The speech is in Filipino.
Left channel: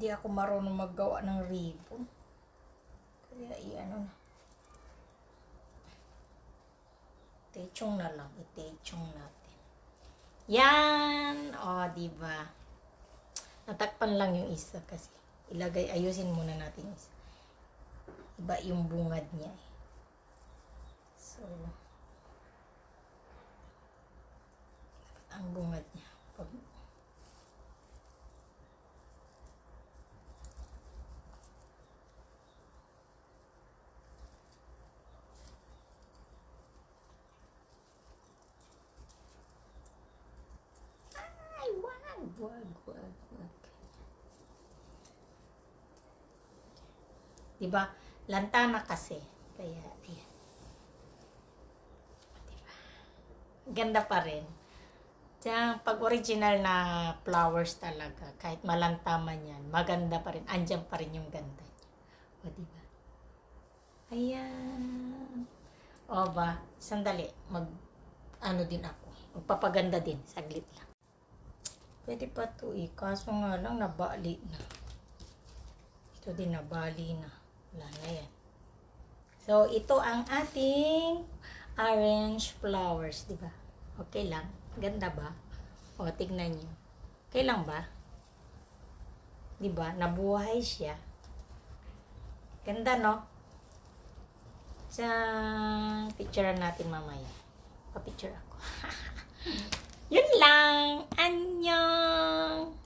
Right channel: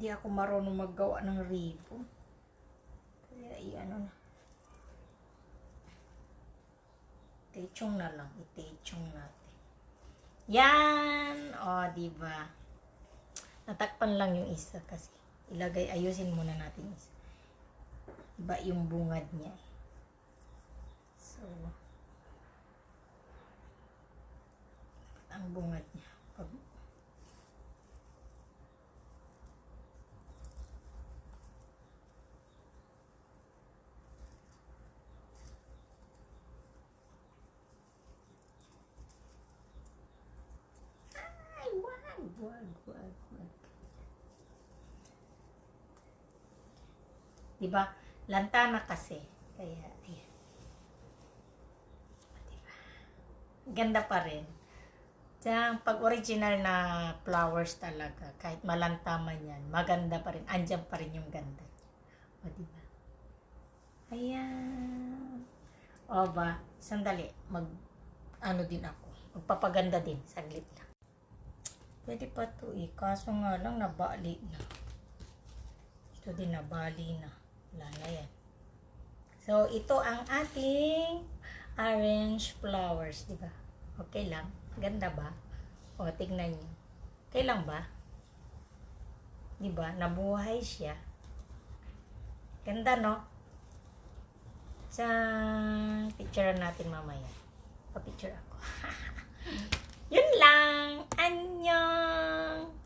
Hindi ako marunong maggawa ng ribbon. Kaya i-ano na. Itechong na lang. Itechong natin. Yan! O, diba? Natakpan lang yung isa kasi. Ayusin muna natin isa. Iba yung bungad niya. So, ang bungad niya. Wag. Diba? Lantana kasi. Kaya, diba? Ganda pa rin. Diyan, pag original na flowers talaga, kahit malantaman yan, maganda pa rin. Andyan pa rin yung ganda. O, diba? Ayan. O ba? Sandali. Ano din ako. Magpapaganda din. Saglit lang. Pwede pa ito eh. Kaso nga lang, nabali na. Ito din, nabali na. Wala na yan. So, ito ang ating orange flowers. Diba? Okay lang. Ganda ba? O, tignan nyo. Okay lang ba? Diba? Nabuhay siya. Ganda, no? Sa picturean natin mamaya. Pa-picture ako. Yun lang. Annyeong!